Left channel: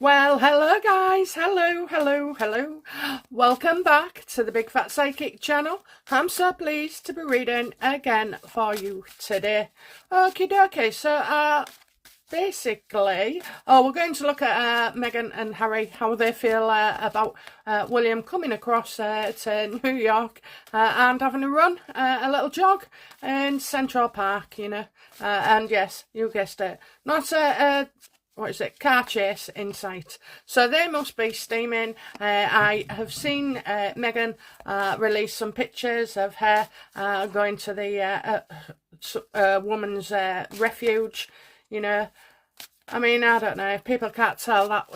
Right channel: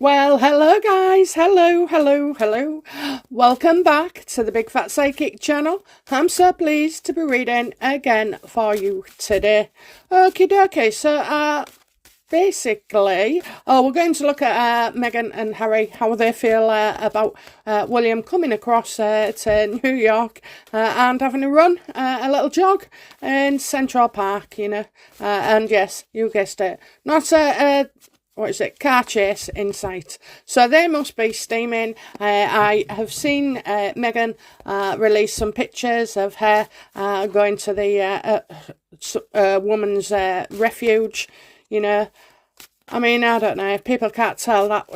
Well, hello guys. Hello. Welcome back to the Big Fat Psychic channel. I'm so pleased to be reading again for you today. Okie dokie. So, basically, we're going to look at Meghan and Harry, how they feel about William coming across to New York and having a run, a little jog in Central Park, and yes, you guessed it, not what is it, car chase in sight. So they must be steaming. I have seen Meghan release some pictures of her going to the woman's refuge, I mean, I don't know. If people can't tell that,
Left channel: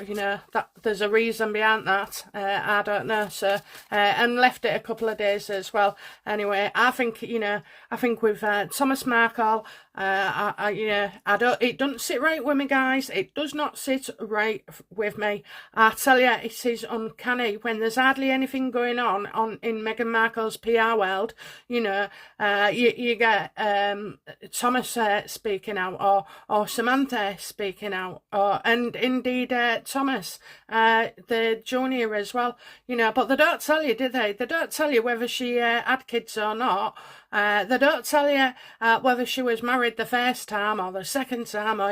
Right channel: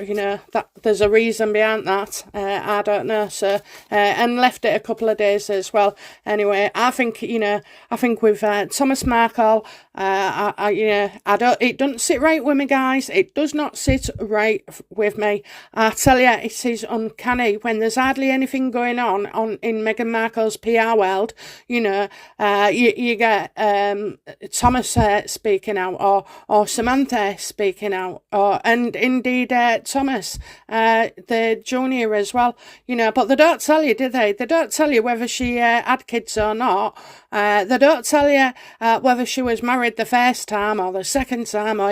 that there's a reason behind that, I don't know. So, and left it a couple of days as well. Anyway, I think with Thomas Markle, I don't. It doesn't sit right with me, guys. It does not sit right with me. I tell you, it is uncanny when there's hardly anything going on in Meghan Markle's PR world. You get Thomas speaking out, or Samantha speaking out, and indeed Thomas, the junior as well. But they don't tell you, do they? They don't tell you whether she had kids or not. They don't tell you whether she was married the first time or the second time, or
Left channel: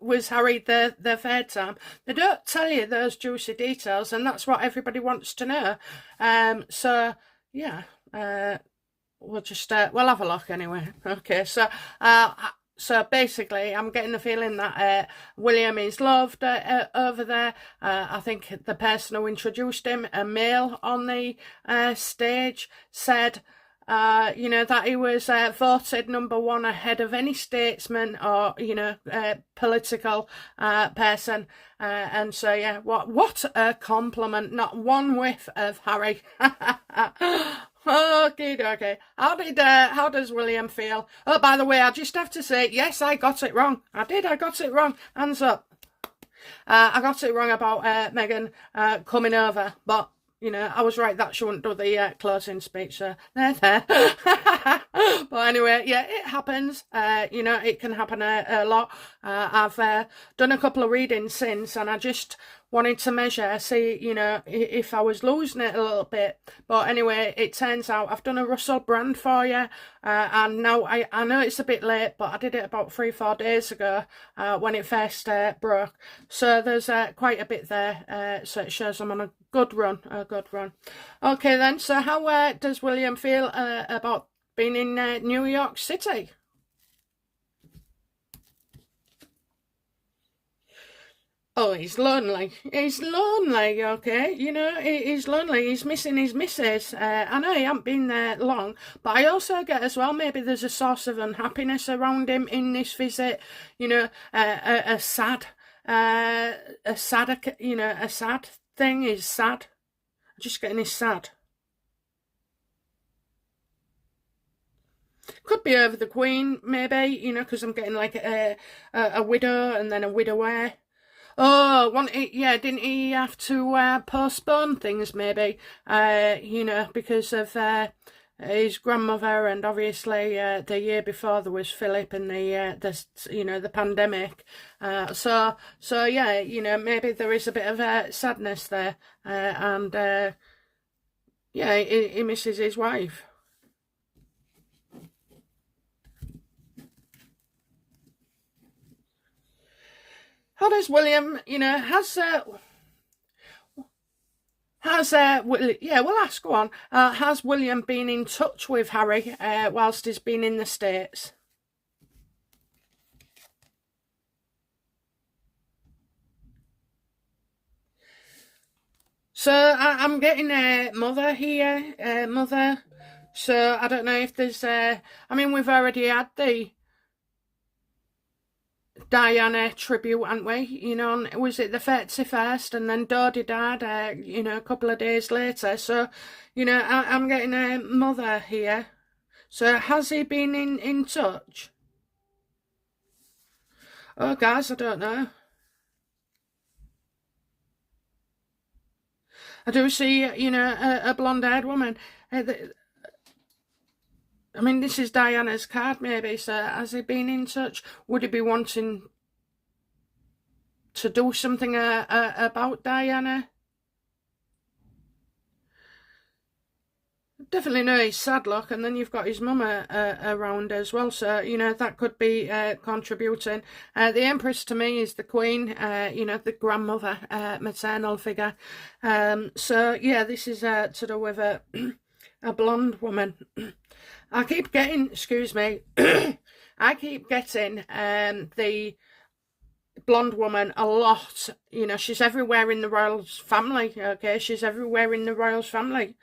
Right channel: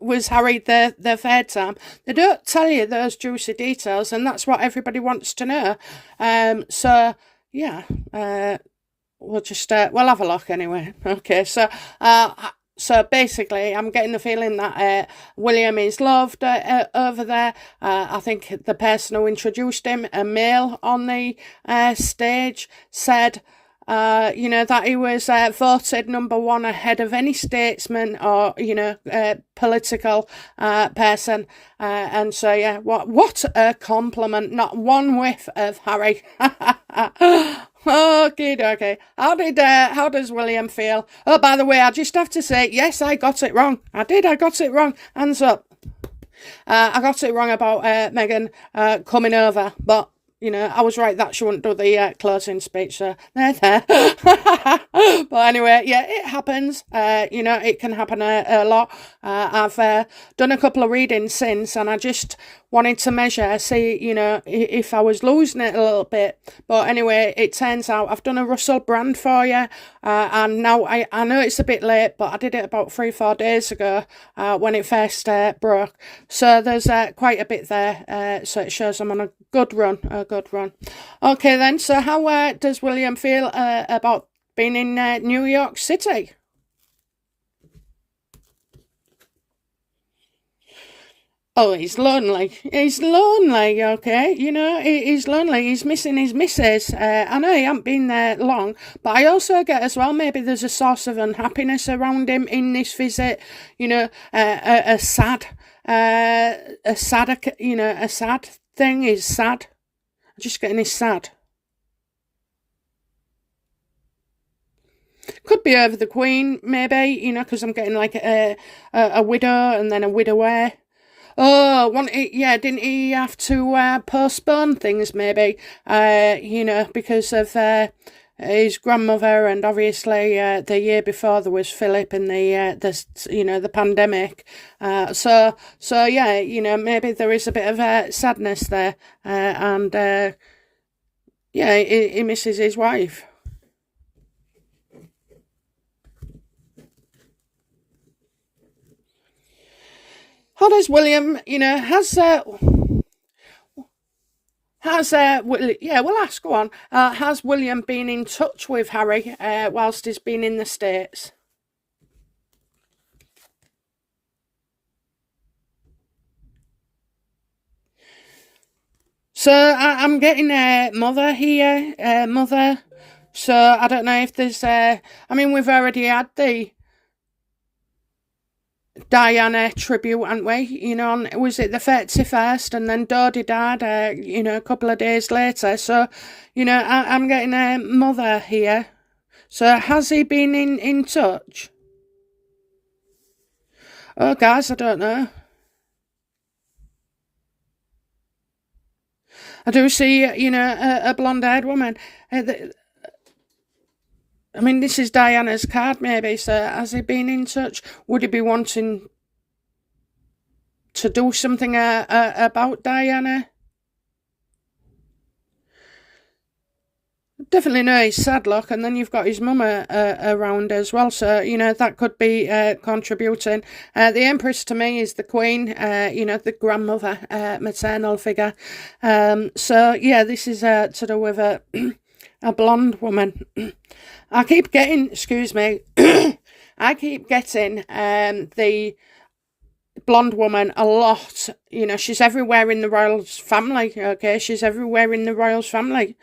was Harry the third time. They don't tell you those juicy details, and that's what everybody wants to know. So yeah, we'll just we'll have a look anyway. Okay, so basically, I'm getting the feeling that William is loved over there. I think the person who introduced him, a male on the stage, said, that he was voted number one ahead of any statesman or, political person. And so, yeah, what a compliment. Not one whiff of Harry. Okay. How does William feel? Oh, by the way, I just have to say, yes, I got it wrong. I got it wrong. Hands up. I got it wrong about Meghan coming over, but I was right that she wouldn't do the closing speech, so there. But anyway, yeah, it happens. It can happen a lot. I've done a couple of readings since, and I just wanted to measure, see, if I was losing it a little bit. But anyway, it turns out I've done a Russell Brand for you, and now I know it's a bit late, but I did it about 3-4 days ago when it first broke. So there's quite a bit there, so it shows I'm on a good run. Okay then, so how does William feel about being in New York City? Oh, he's lonely. He's lonely, okay? He's lonely. He's missing his missus. I know he hasn't been there long, but I also get as well, maybe there's a source of unhappiness around him in this visit. A sad thing is sad. Just getting his sad. Could be over the Queen, maybe, because I'm getting like a widow and then a widower. Oh, didn't he have to postpone things maybe, because of his grandmother, and obviously the year before there was Philip and the pandemic. So yeah, maybe there is a bit of sadness there, and yeah, he misses his wife. How does William, we'll ask, go on. Has William been in touch with Harry whilst he's been in the States? So I'm getting a mother here, mother. So I don't know if there's, we've already had the Diana tribute, haven't we? Was it the 31st, and then Dodie died, a couple of days later. So, I'm getting a mother here. So has he been in touch? Oh, guys, I don't know. I do see, a blonde-haired woman. This is Diana's card, maybe. So has he been in touch? Would he be wanting to do something about Diana. Definitely know his sad luck, and then you've got his mum around as well, so that could be contributing. The Empress to me is the Queen, the grandmother, maternal figure. So yeah, this is to do with a blonde woman. I keep getting, excuse me, I keep getting the blonde woman a lot. She's everywhere in the royals family. Okay, she's everywhere in the royals family.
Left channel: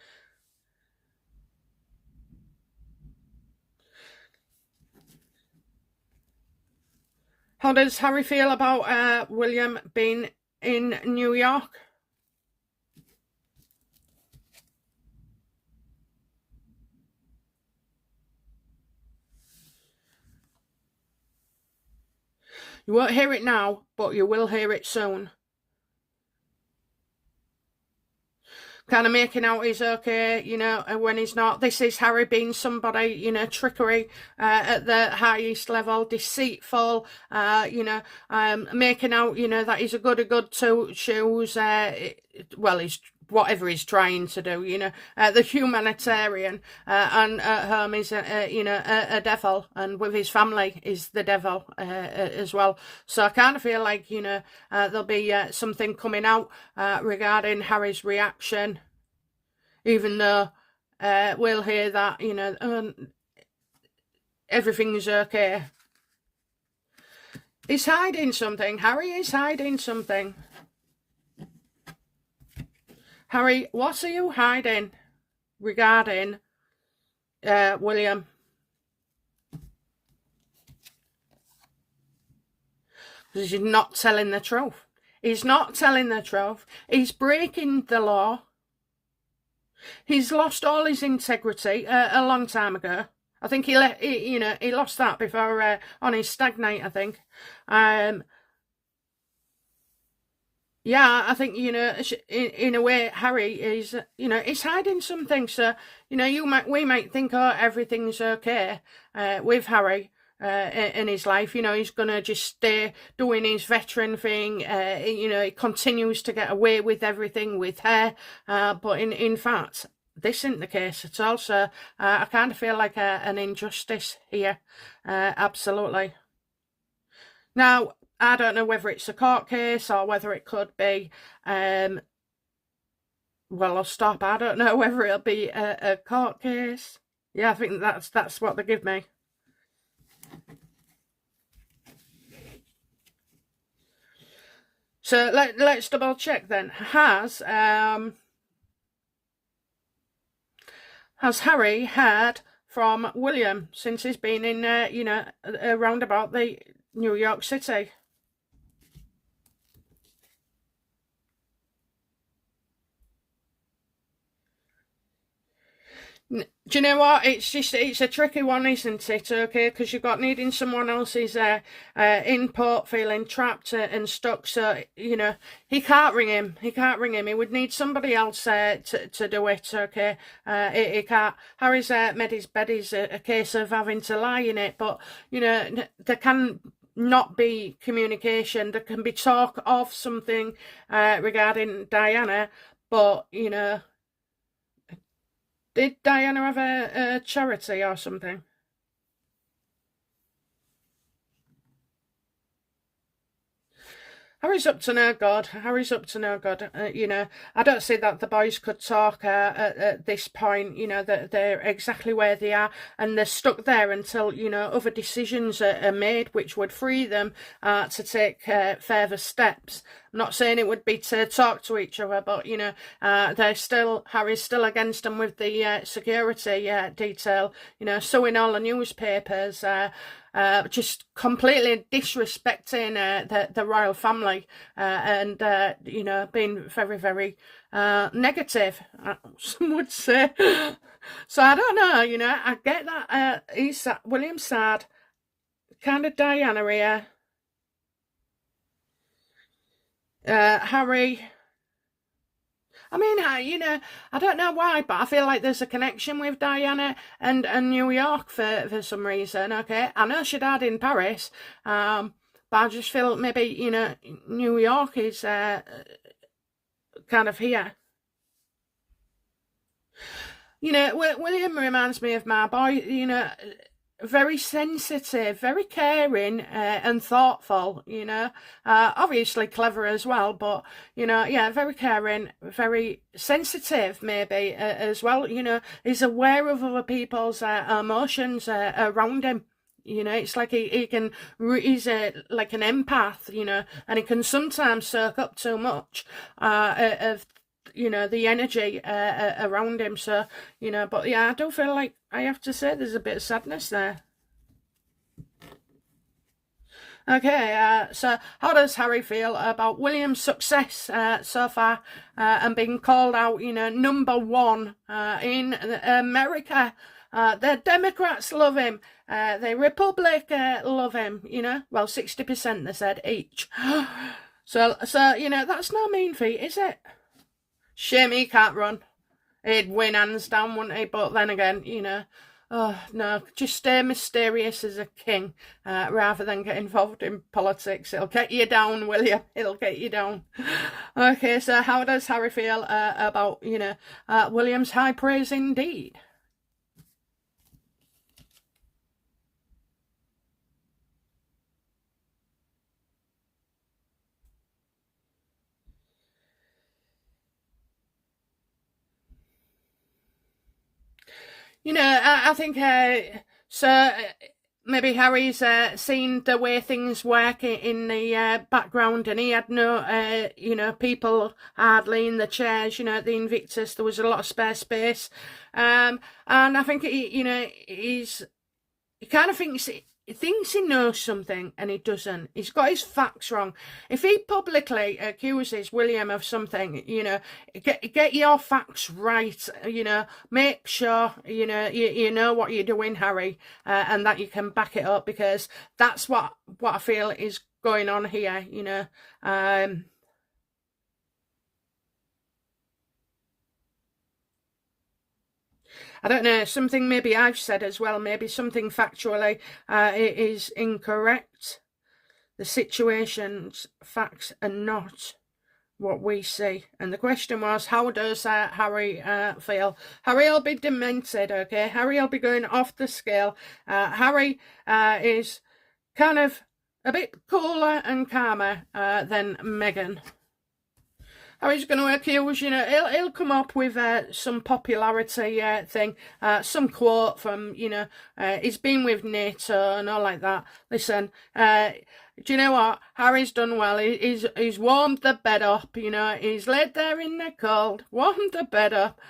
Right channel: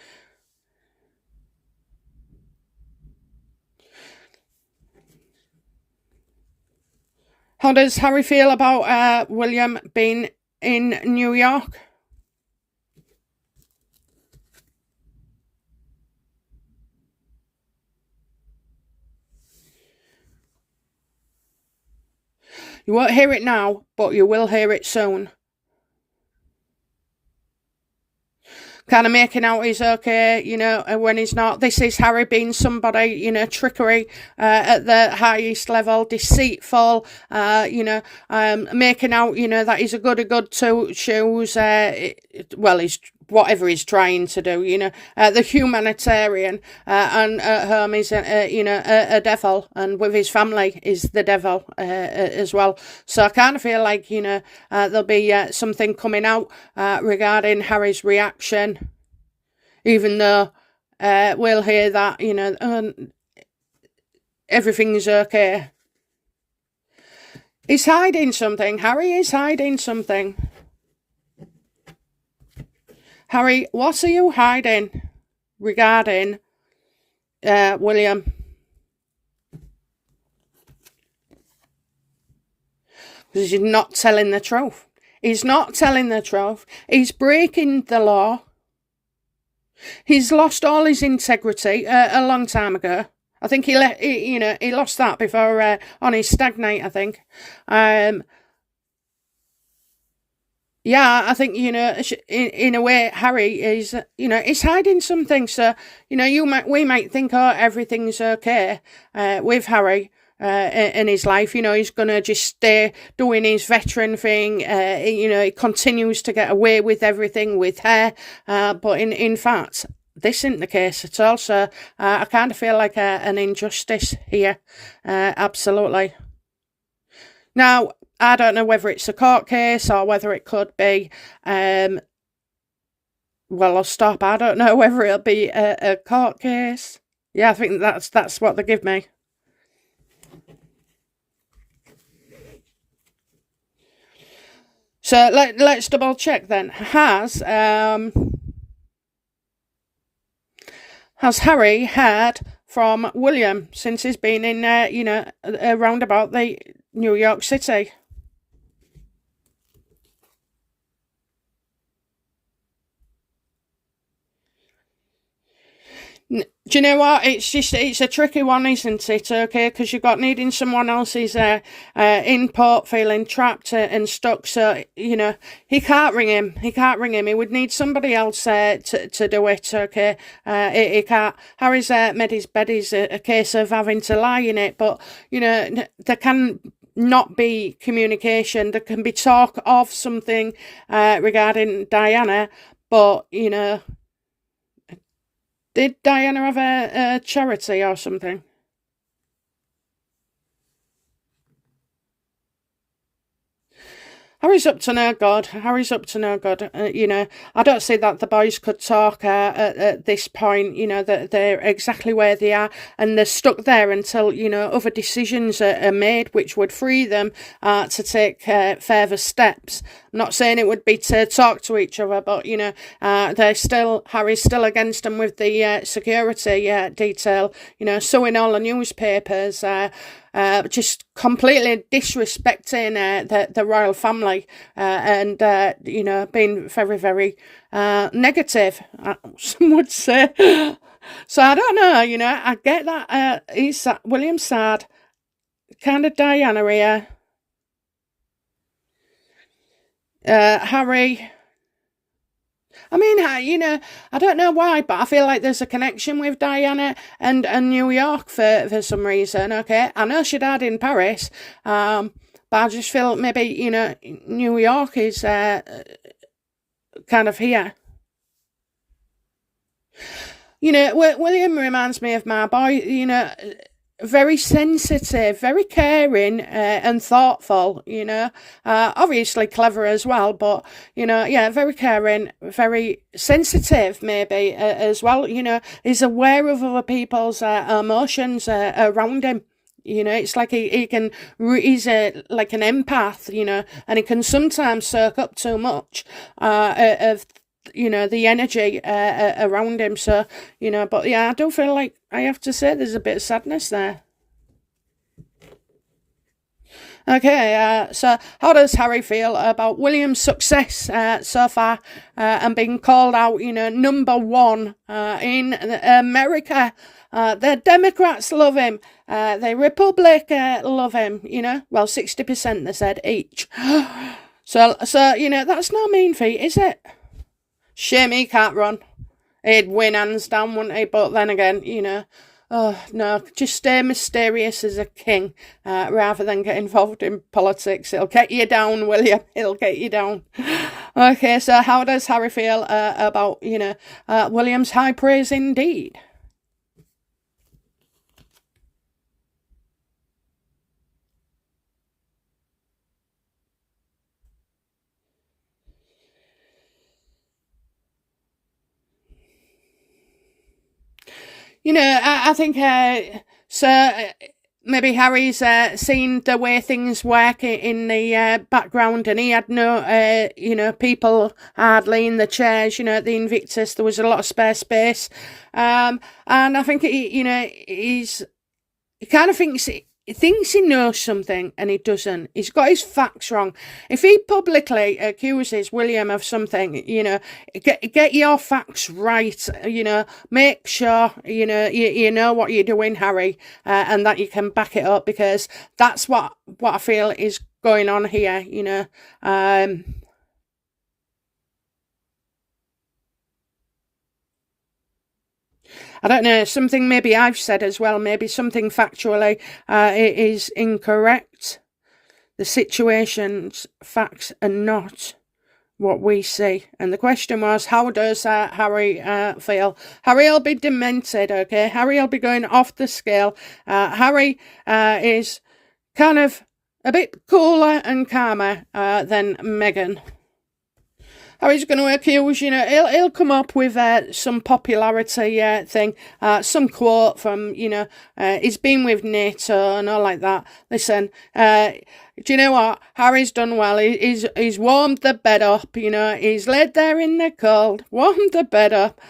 How does Harry feel about William being in New York? You won't hear it now, but you will hear it soon. Kind of making out he's okay, when he's not. This is Harry being somebody, trickery at the highest level, deceitful, making out, that he's a good to choose. Well, he's whatever he's trying to do, the humanitarian, and at home he's, a devil, and with his family is the devil as well. So I kind of feel like, there'll be something coming out regarding Harry's reaction, even though we'll hear that, everything's okay. He's hiding something. Harry is hiding something. Harry, what are you hiding regarding William? Because he's not telling the truth. He's not telling the truth. He's breaking the law. He's lost all his integrity a long time ago. I think he lost that before on his stag night, I think. Yeah, I think, in a way, Harry is, he's hiding something. So, we might think, oh, everything's okay with Harry in his life. He's going to just stay doing his veteran thing. He continues to get away with everything with her. But in fact, this isn't the case at all. So I kind of feel like an injustice here. Absolutely. Now, I don't know whether it's a court case or whether it could be, well, I'll stop. I don't know whether it'll be a court case. Yeah, I think that's what they give me. So let's double check then. Has Harry heard from William since he's been in, around about the New York City? Do you know what? It's a tricky one, isn't it? Okay, because you've got needing someone else's input, feeling trapped and stuck. So he can't ring him. He can't ring him. He would need somebody else to do it. Okay, he can't. Harry's made his bed is a case of having to lie in it, but there can not be communication. There can be talk of something regarding Diana, but did Diana have a charity or something? Harry's up to no good. Harry's up to no good. I don't see that the boys could talk at this point. That they're exactly where they are, and they're stuck there until other decisions are made, which would free them to take further steps. I'm not saying it would be to talk to each other, but Harry's still against them with the security detail. Suing all the newspapers. Just completely disrespecting the royal family and being very, very negative, some would say. So I don't know, I get that he's William sad, kind of Diana here. Harry, I mean, I don't know why, but I feel like there's a connection with Diana and New York for some reason, okay? I know she died in Paris, But I just feel maybe, you know, New York is kind of here. You know, William reminds me of my boy, you know, very sensitive, very caring, and thoughtful, you know, obviously clever as well, but, you know, yeah, very caring, very sensitive maybe as well, you know, he's aware of other people's emotions around him. You know, it's like he's like an empath, you know, and he can sometimes soak up too much of, you know, the energy around him. So, you know, but yeah, I do feel like I have to say there's a bit of sadness there. Okay, so how does Harry feel about William's success so far and being called out, you know, number one in America? The Democrats love him. The Republic love him, you know. Well, 60% they said each. So, you know, that's no mean feat, is it? Shame he can't run. He'd win hands down, wouldn't he? But then again, you know, oh, no, just stay mysterious as a king rather than get involved in politics. It'll get you down, William. It'll get you down. Okay, so how does Harry feel about, you know, William's high praise indeed? You know, I think so. Maybe Harry's seen the way things work in the background, and he had no, you know, people hardly in the chairs. You know, at the Invictus, there was a lot of spare space, and I think you know, he kind of thinks. He thinks he knows something and he doesn't. He's got his facts wrong. If he publicly accuses William of something, you know, get your facts right. You know, make sure you know you know what you're doing, Harry, and that you can back it up, because that's what I feel is going on here. You know, I don't know, something maybe I've said as well, maybe something factually is incorrect. The situation's facts are not what we see. And the question was, how does Harry feel? Harry will be demented, okay? Harry will be going off the scale. Harry is kind of a bit cooler and calmer than Meghan. Harry's going to accuse, you know, he'll come up with some popularity thing, some quote from, you know, he's been with NATO and all like that. Listen, do you know what? Harry's done well. He's warmed the bed up, you know, he's laid there in the cold, warmed the bed up,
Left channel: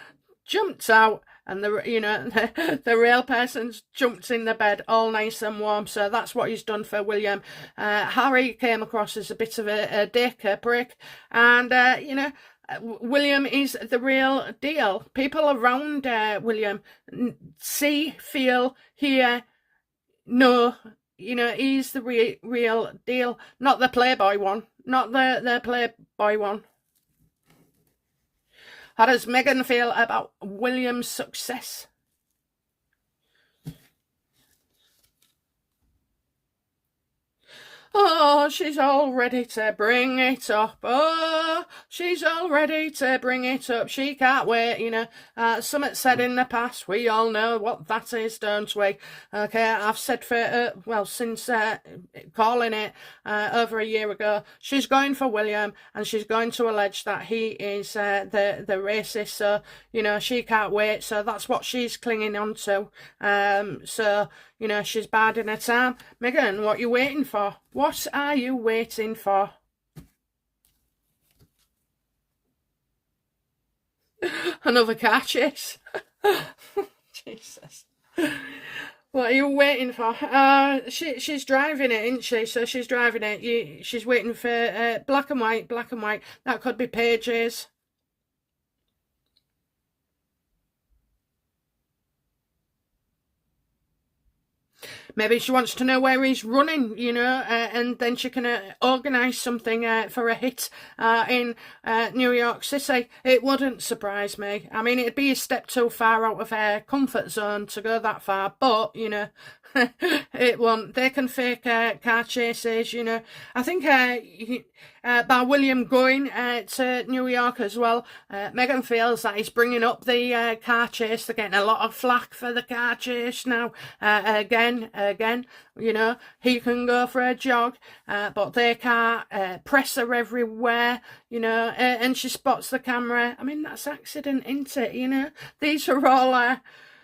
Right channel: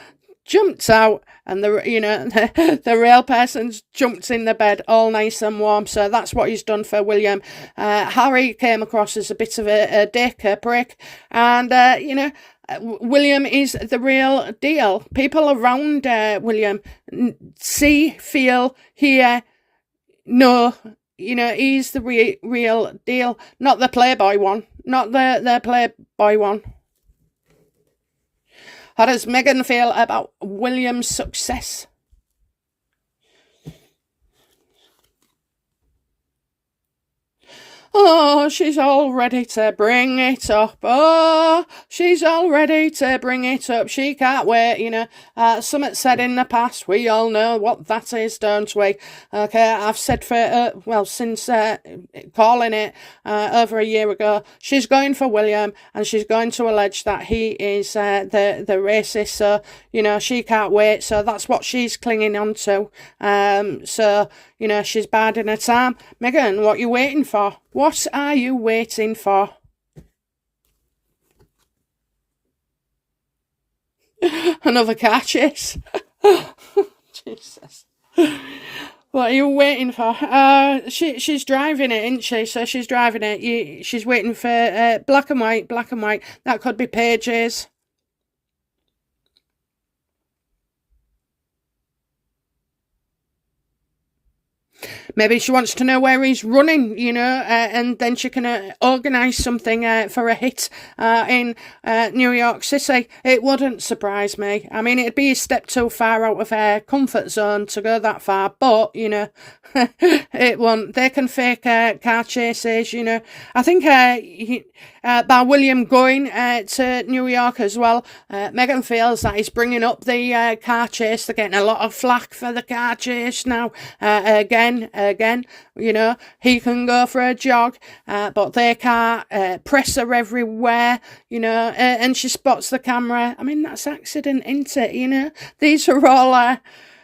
jumped out, and the real person's jumped in the bed all nice and warm. So that's what he's done for William. Harry came across as a bit of a dick, a prick, and you know, William is the real deal. People around William see, feel, hear, know. You know, he's the real deal, not the Playboy one, not the Playboy one. How does Meghan feel about William's success? Oh, she's all ready to bring it up. Oh, she's all ready to bring it up. She can't wait, you know. Something said in the past, we all know what that is, don't we? Okay, I've said for, since calling it over a year ago, she's going for William, and she's going to allege that he is the racist. So, you know, she can't wait. So that's what she's clinging on to. So, you know, she's biding her time. Meghan, what are you waiting for? What are you waiting for? Another car chase. Jesus. What are you waiting for? She's driving it, isn't she? So she's driving it. She's waiting for black and white, black and white. That could be pages. Maybe she wants to know where he's running, and then she can organise something for a hit in New York City. It wouldn't surprise me. I mean, it'd be a step too far out of her comfort zone to go that far, but, it won't. They can fake car chases, I think by William going to New York as well, Meghan feels that he's bringing up the car chase. They're getting a lot of flack for the car chase now. Again, he can go for a jog, but they can't. Press her everywhere, and she spots the camera. I mean, that's accident, isn't it? These are all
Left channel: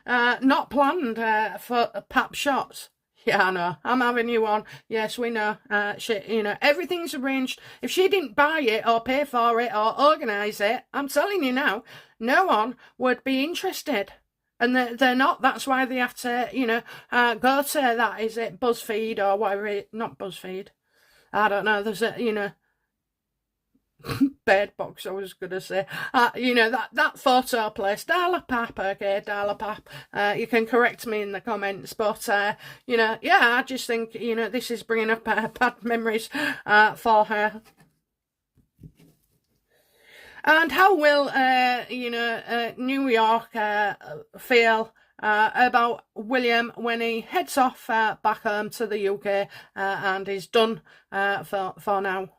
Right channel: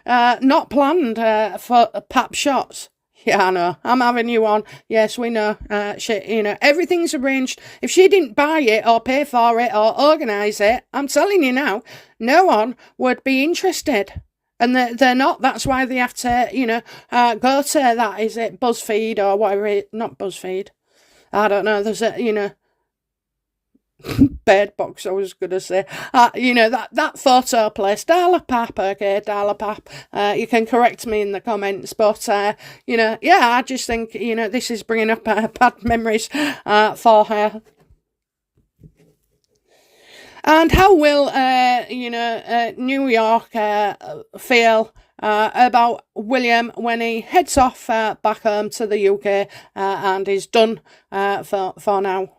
not planned for pap shots. Yeah, I know. I'm having you on. Yes, we know. Everything's arranged. If she didn't buy it or pay for it or organise it, I'm telling you now, no one would be interested. And they're not. That's why they have to, go to that. Is it BuzzFeed or whatever? Not BuzzFeed. I don't know. There's a, Bird Box, I was going to say. That photo place, Darla-Pap, okay, Darla-Pap. You can correct me in the comments, but, I just think, this is bringing up bad memories for her. And how will, New York feel about William when he heads off back home to the UK and is done for now?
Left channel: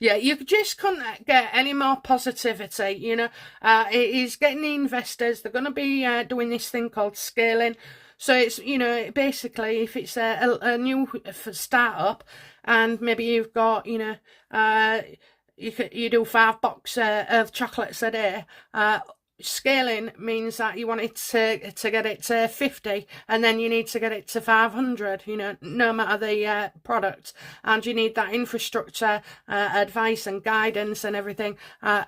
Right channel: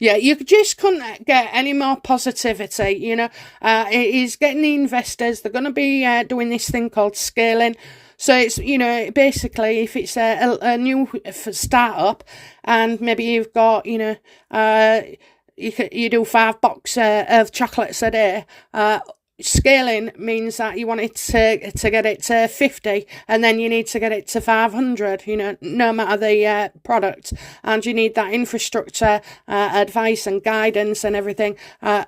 Yeah, you just couldn't get any more positivity, He's getting the investors. They're going to be doing this thing called scaling. So it's, basically if it's a new startup and maybe you've got, you do 5 boxes of chocolates a day, scaling means that you want it to get it to 50 and then you need to get it to 500, no matter the product, and you need that infrastructure, advice and guidance and everything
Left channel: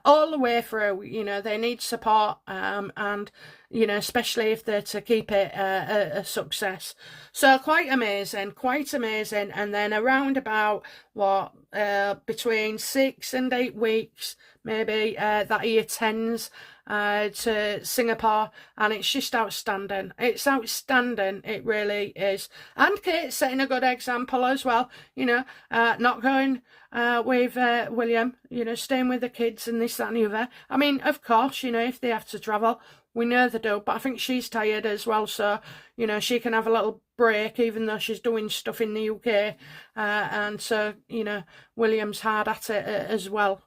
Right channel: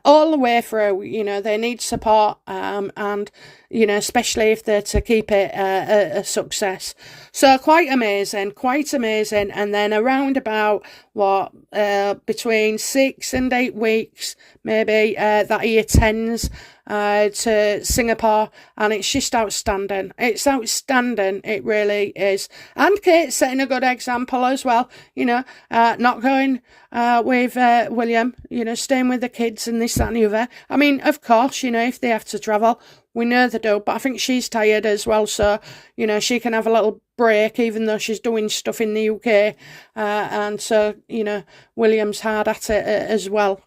all the way through. They need support, and especially if they're to keep it a success. So quite amazing. And then around about between 6 and 8 weeks maybe that he attends to Singapore, and it's just outstanding. It's outstanding, it really is. And Kate's setting a good example as well, not going with William, staying with the kids and this, that and the other. I mean, of course, if they have to travel, we know they do, but I think she's tired as well, so, she can have a little break, even though she's doing stuff in the UK, and so, William's hard at it as well.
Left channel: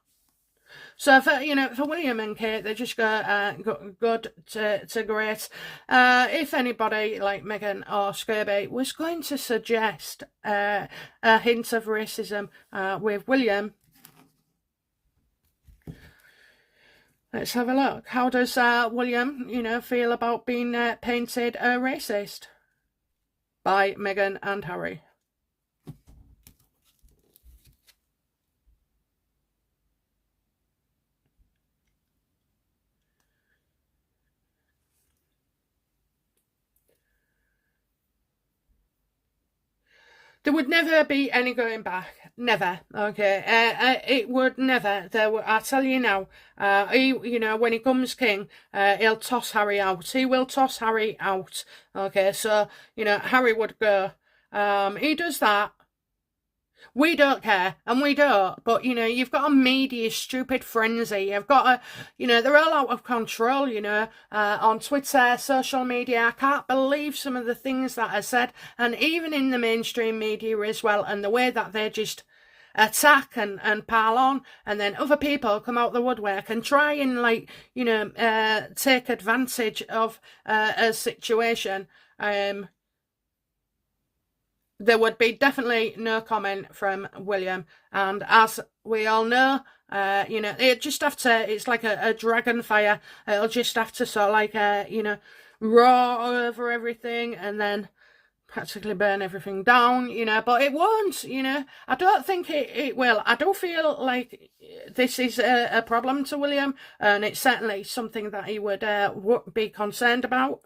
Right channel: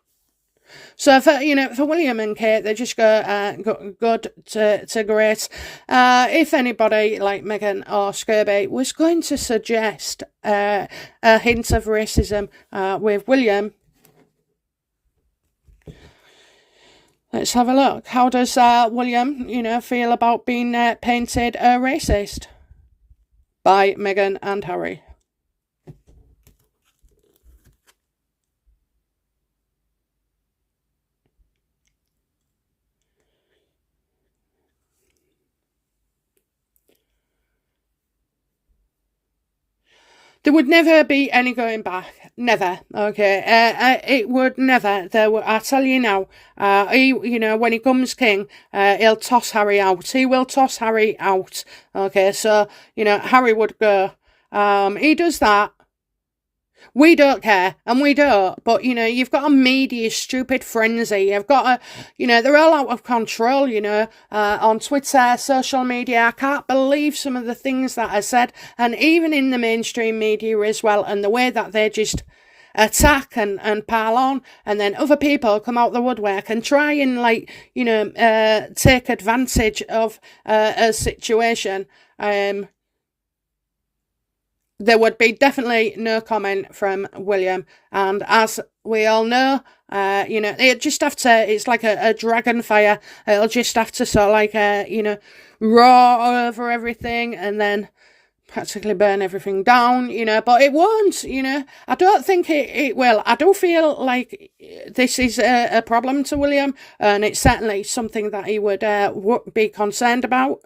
So for William and Kate, they just go good to great. If anybody like Meghan or Scurby was going to suggest a hint of racism with William, let's have a look. How does William, feel about being painted a racist by Meghan and Harry? There would never be any going back. Never. Okay. It would never. I tell you now. He, when he comes king, he'll toss Harry out. He will toss Harry out. Okay. So, Harry would go. He does that. We don't care, and we don't, but, you've got a media stupid frenzy. You've got they're all out of control, on Twitter, social media. I can't believe some of the things that are said, and even in the mainstream media as well, and the way that they just attack and pile on, and then other people come out the woodwork and try and, take advantage of a situation. There would be definitely no comment from William. And as we all know, it just have to, it's like a dragon fire. It'll just have to sort of roar over everything and then practically burn everything down, but it won't, I don't think it will. I do feel like this is a problem to William, and it's certainly something that he would be concerned about.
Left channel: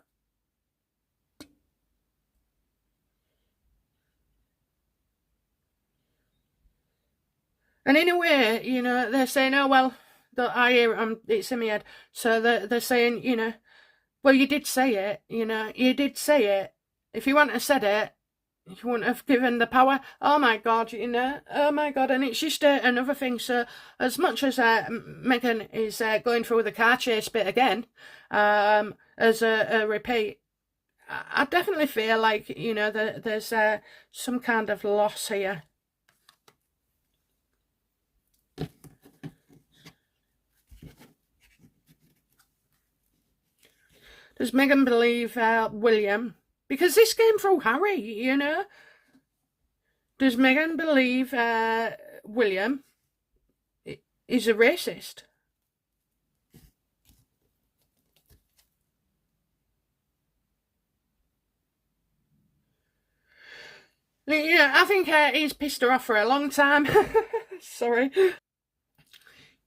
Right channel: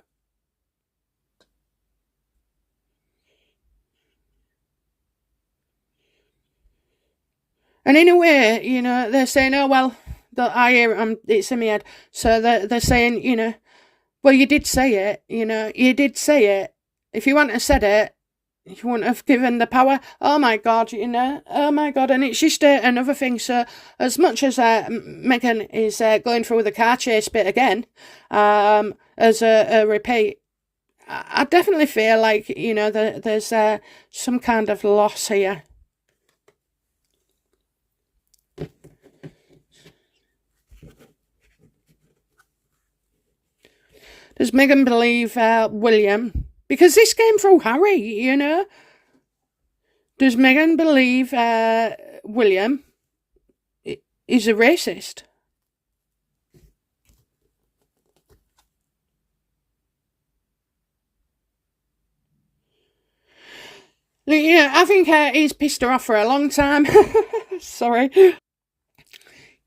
And in a way, they're saying, oh, well, I hear it's in my head. So they're saying, Well, you did say it, you did say it. If you hadn't have said it, you wouldn't have given the power. Oh my God, oh my God. And it's just another thing. So, as much as Meghan is going through the car chase bit again, as a repeat, I definitely feel like, there's some kind of loss here. Does Meghan believe William? Because this came through Harry, Does Meghan believe William is a racist? Yeah, I think he's pissed her off for a long time. Sorry.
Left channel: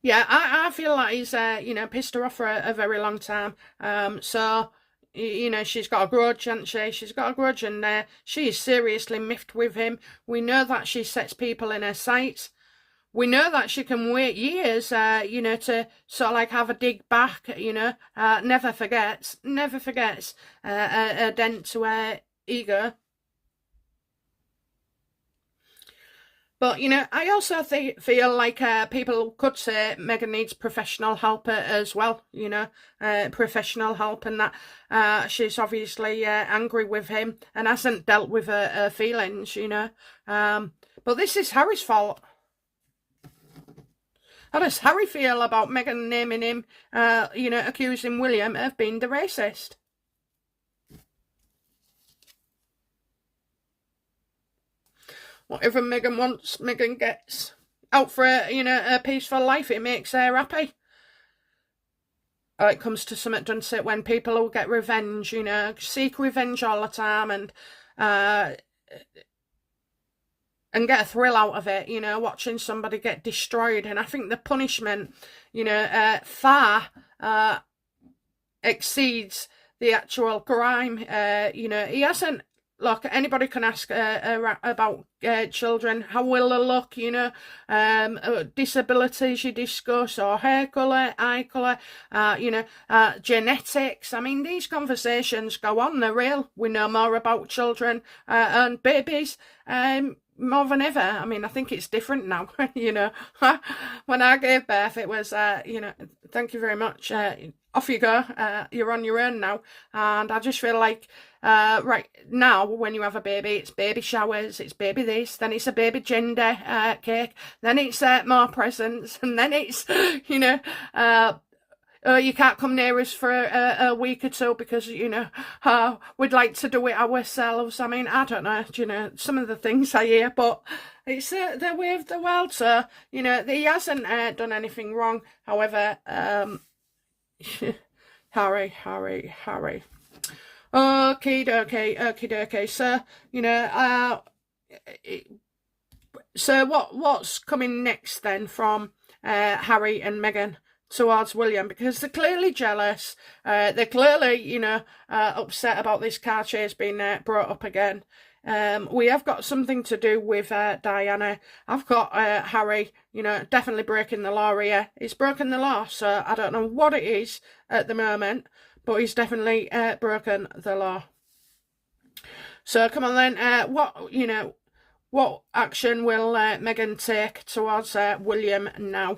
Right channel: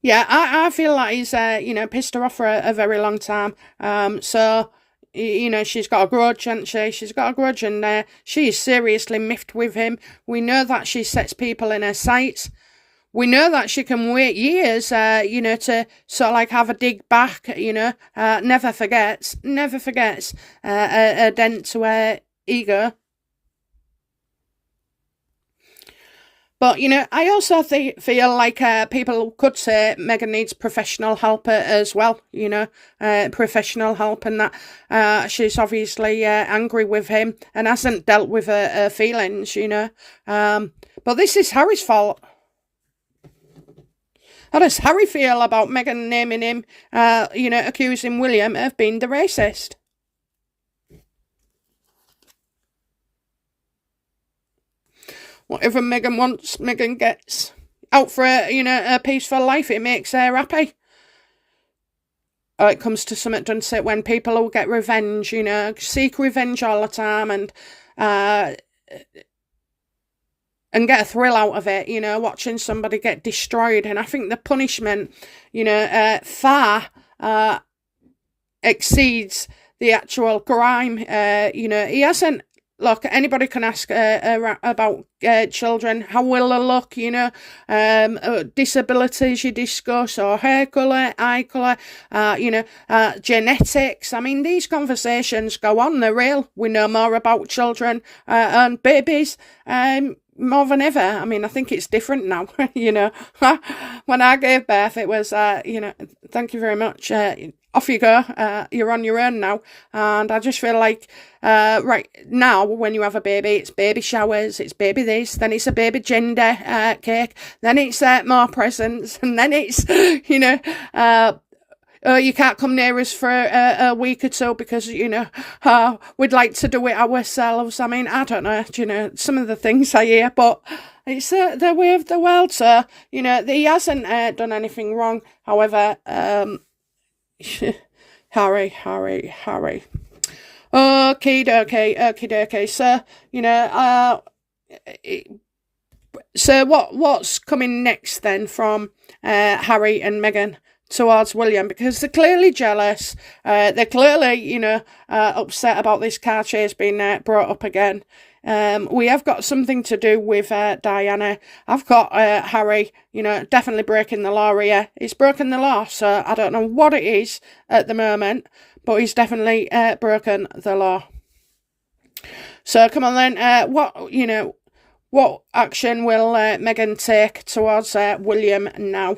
Yeah, I feel like he's, pissed her off for a very long time. So, she's got a grudge, hasn't she? She's got a grudge, and she is seriously miffed with him. We know that she sets people in her sights. We know that she can wait years, to sort of like have a dig back, never forgets a dent to her ego. But, I also feel like people could say Meghan needs professional help as well, professional help, and that she's obviously angry with him and hasn't dealt with her feelings, But this is Harry's fault. How does Harry feel about Meghan naming him, accusing William of being the racist? Whatever Meghan wants, Meghan gets. Out for a peaceful life, it makes her happy. It comes to something, doesn't it, when people will get revenge, seek revenge all the time and get a thrill out of it, watching somebody get destroyed. And I think the punishment, far exceeds the actual crime. He hasn't. Look, anybody can ask about children. How will they look, disabilities you discuss, or hair colour, eye colour, genetics. I mean, these conversations go on, they're real. We know more about children and babies more than ever. I mean, I think it's different now, When I gave birth, it was, thank you very much. Off you go, you're on your own now. And I just feel like, right now, when you have a baby, it's baby showers, it's baby this, then it's a baby gender cake, then it's more presents, and then it's, you can't come near us for a week or two because, we'd like to do it ourselves. I mean, I don't know, some of the things I hear, but it's the way of the world. So, he hasn't done anything wrong. However, Harry. Okay. So, what's coming next then from Harry and Meghan towards William? Because they're clearly jealous. They're clearly, upset about this car chase being brought up again. We have got something to do with Diana. I've got Harry, definitely breaking the law here. He's broken the law, so I don't know what it is at the moment, but he's definitely broken the law. So come on then, what action will Meghan take towards William now?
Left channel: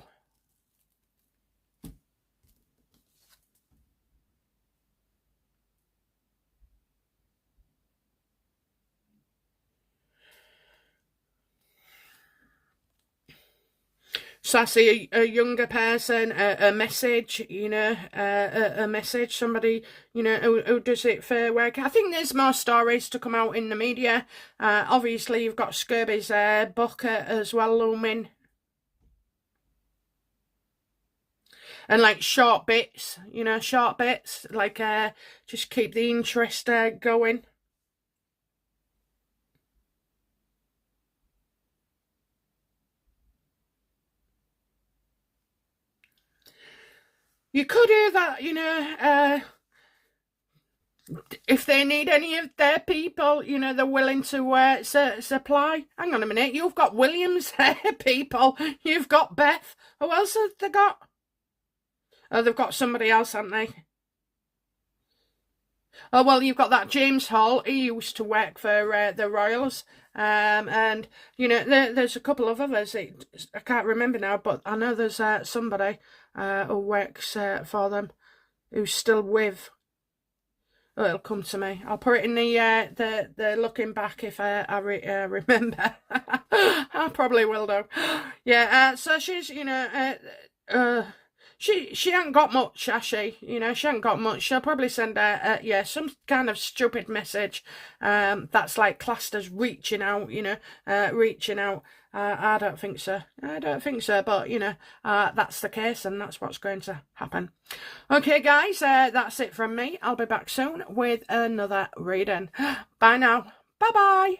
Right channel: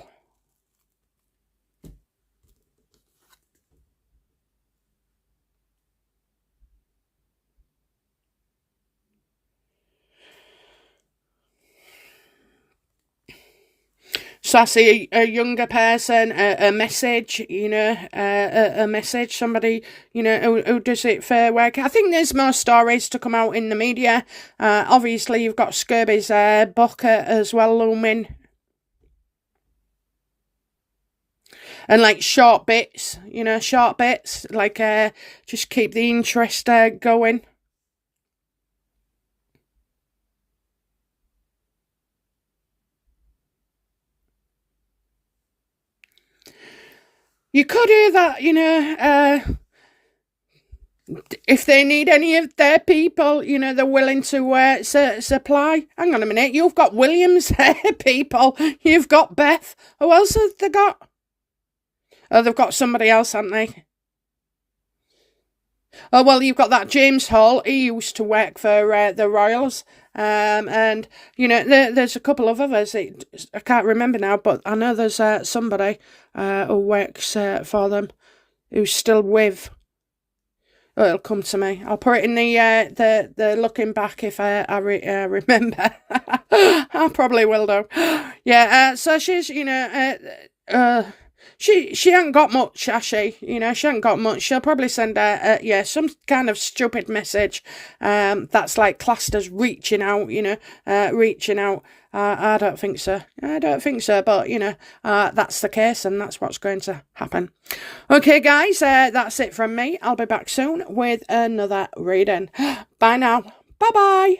So I see a younger person, a message, a message, somebody, who does it for work. I think there's more stories to come out in the media. Obviously, you've got Scurby's book as well looming. And like short bits, like just keep the interest going. You could hear that, if they need any of their people, they're willing to supply. Hang on a minute, you've got William's people, you've got Beth. Who else have they got? Oh, they've got somebody else, haven't they? Oh, well, you've got that James Hall. He used to work for the Royals. And, there's a couple of others. I can't remember now, but I know there's somebody who works for them who's still with. Oh, it'll come to me. I'll put it in the looking back if I remember. I probably will do. Yeah. So she's she ain't got much, has she? She ain't got much. She'll probably send some kind of stupid message. That's like classed as reaching out. Reaching out. I don't think so. I don't think so. But that's the case, and that's what's going to happen. Okay, guys, that's it from me. I'll be back soon with another reading. Bye now. Bye bye.